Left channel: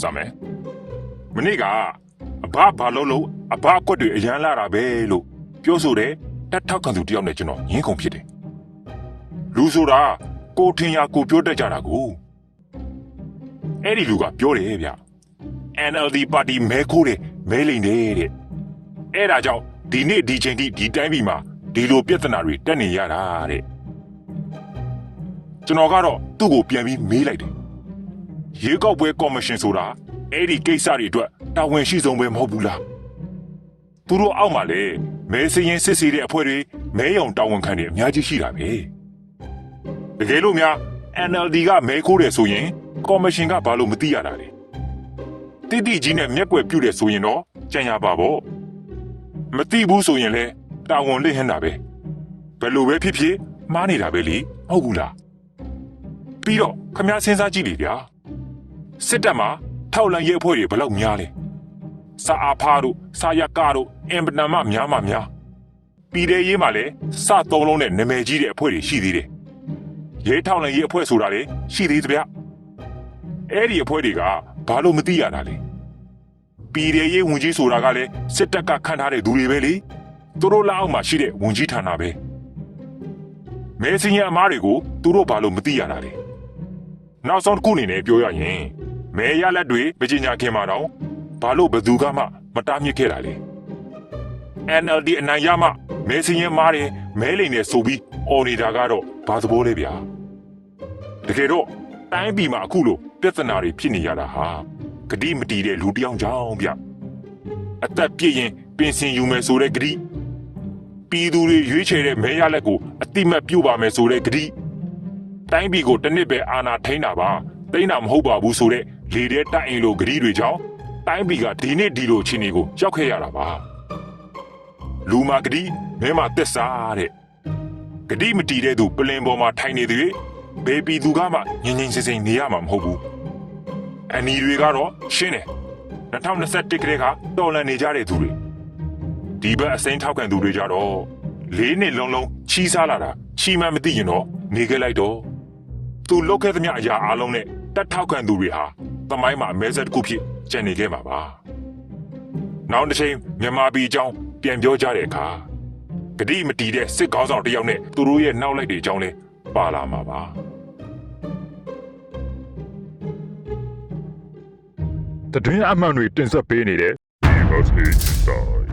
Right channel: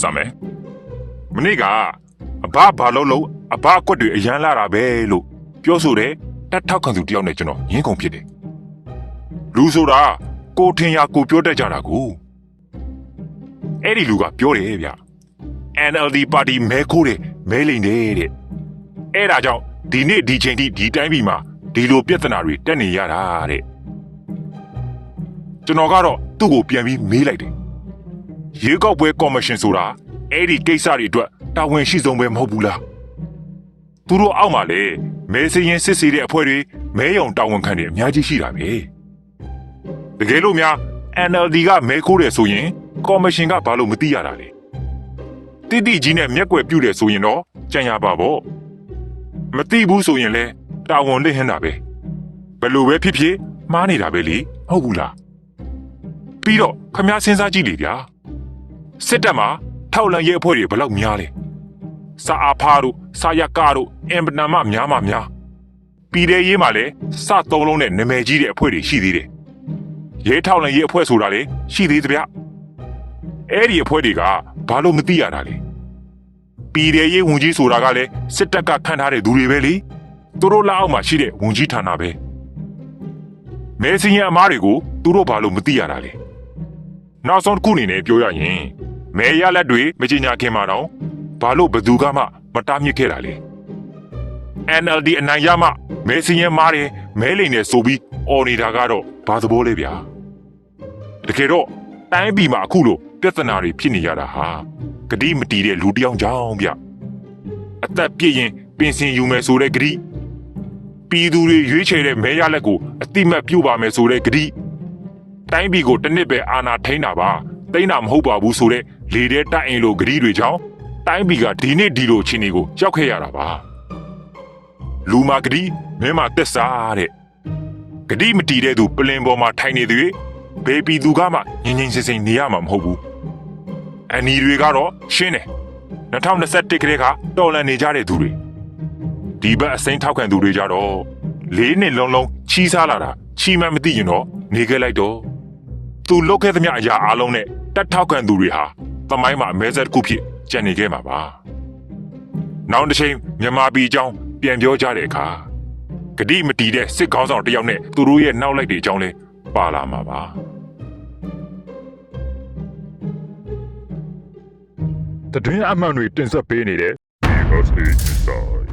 စမယ်မနေ့ကအဘဘာလို့လို့အဘအကွက်တွေအရန်လာတာပဲလို့ပြောဆိုတယ်တက်ထောက်ခံသူတယောက်နဲ့ကျွန်တော်ရင်းကုန်ဖြစ်တယ်လူဆိုတာကိုထင်ရကိုပြောတတ်ကြတာကိုအဲ့ဒီလူကပြောတယ်ဗျ NLD ပါတီမဲခိုးတယ်မဲလိန်တယ်တဲ့အဲ့ဒါကြောင့်ဒီနေ့ဒီချိန်ထိဒီတိုင်းပြည်မှာဒီလိုပြဿနာတွေတက်နေရတာတဲ့ကျွန်တော်ကတော့သူ့ကိုပြန်ပြီးမေးလိုက်တယ် ရေကောက်ပွဲကော်မရှင်ဆိုတာအဲ့ဒီကိစ္စတွေအတွက်တာဝန်ရှိဆုံးပဲမဟုတ်ဘူးလားသူတို့အောက်မှာလေမဲစရင်စစ်စီတဲ့အဖွဲ့တွေမဲယုံတာဝန်ခံတွေအများကြီးရှိတာပဲတကယ်လို့များ NLD ကမဲခိုးတယ်ဆိုရင်ကော်မရှင်ကဘာလို့မသိရတာလဲတိတိကြီးနဲ့မျက်ကွယ်ပြုတ်တယ်ဆိုရင်တော့ကြံရပါပေါ့မတိဘူးဆိုရင်လဲတာဝန်နဲ့ဟန်တာပဲဘယ်လိုပဲဖြစ်ဖြစ်မှားနေတာပဲလေဟုတ်ဘူးလားပြီးတော့ခမားစဉ်းစားကြည့်လေဗျာ စစ်တပ်မှာထောက်လန်ရဲအဖွဲ့တွေဘယ်လောက်များလဲစာအာဖာတို့စာယကာတို့အင်ပနာမများမှများပြည်တဲ့ရေးမှာလဲစသုံးလုံးနဲ့နာမည်ကြီးတဲ့အဖွဲ့တွေရှိသေးတယ်ရဲထောက်လန်ရဲအဖွဲ့ဆိုတာလေရှိသေးတယ်ဗျအဲ့ဒီအဖွဲ့တွေကဘာလို့မသိရတာလဲပြည်တယ်ရေးဝန်ကြီးဆိုတာကလည်းစစ်တပ်ကခန့်ထားတဲ့သူတွေပဲလေသူတို့လက်အောက်မှာရှိတဲ့ဝန်ကြီးဌာနပဲမဲစင်းရဲ့အမားတွေကိုသူတို့ဘာလို့မသိရတာလဲနောက်ဆုံးတစ်ခုအနေနဲ့ပြောရရင် မဲရလက်တွေမကြီးညာခင်မှာတော့ဘာလို့ဘယ်သူကမှမတားမြစ်ခဲ့တာလဲ NLD အနိုင်ရမှမဲစင်းရဲ့မားတွေမဲလိန်နဲ့ဆိုပြီးအော်နေတာကတော့ဘာသဘောလဲဗျာတကယ်တော့တိုင်းပြည်မှာအခုလိုပြဿနာတွေဖြစ်နေရတာဟာဂတိမတီးတဲ့လူတစ်ယောက်ကြောင့်ဗျအသက်ပြည့်ရင်ပင်စင်ယူမယ်ဆိုတဲ့ဂတိပြည်သူတွေရွေးချယ်တဲ့မဲရလက်ကိုအတိမတ်ပြုတ်ပါမယ်ဆိုတဲ့ဂတိတိုင်းပြည်ကိုတစ်နှစ်ပဲအာဏာထိန်းတာပါ တိန်းတာမဟုတ်ပါဘူးဆိုတဲ့လေတဲ့တိုက်အိမ်လိုဂတိတွေကြောင့်တိုင်းပြည်ကဒီနေ့ဒီလိုချင်းတွေကိုကြောက်ခဲ့ရတာပါလူမာဂတိမင်းမတက်စားတဲ့ဂတိမတီးတဲ့သူပလင်ပေါ်မှာထိုင်နေသူဘေးပြည်သူကမှငြိမ်ငြိမ်စင်စင်နေရမှာမဟုတ်ဘူးအန်ဒီတွေကတော့ရှင်းတယ်2021ကလေးကတော်လန်နေကြတဲ့သူတွေဒီဘက်အစိမ်းထောက်ခံသူတွေကြတော့လေးနှစ်လုံးလုံးချီးစားလာတာချီးမှန်းမသိရင်တော့နေခဲ့လိုက်တော့သူလုတ်ခဲ့သမျှအရာအလုံးနဲ့ တက်ထောက်ခံသူတွေဟာသမိုင်းမှာအမဲဆက်တစ်ခုဖြစ်ကျန်နေခဲ့မှာပါနောက်တစ်ချိန်မြန်မာပြည်အကြောင်းပြန်ပြောကြတဲ့အခါဂတိမတီးတဲ့စစ်ကောင်းဆောင်တစ်ယောက်နဲ့သူတို့ရဲ့နောက်လိုက်တွေအကြောင်းလဲပါလာမှာပါတတွင်းအမှန်တွေတင်ဆက်ပေးနေတဲ့ Because Inside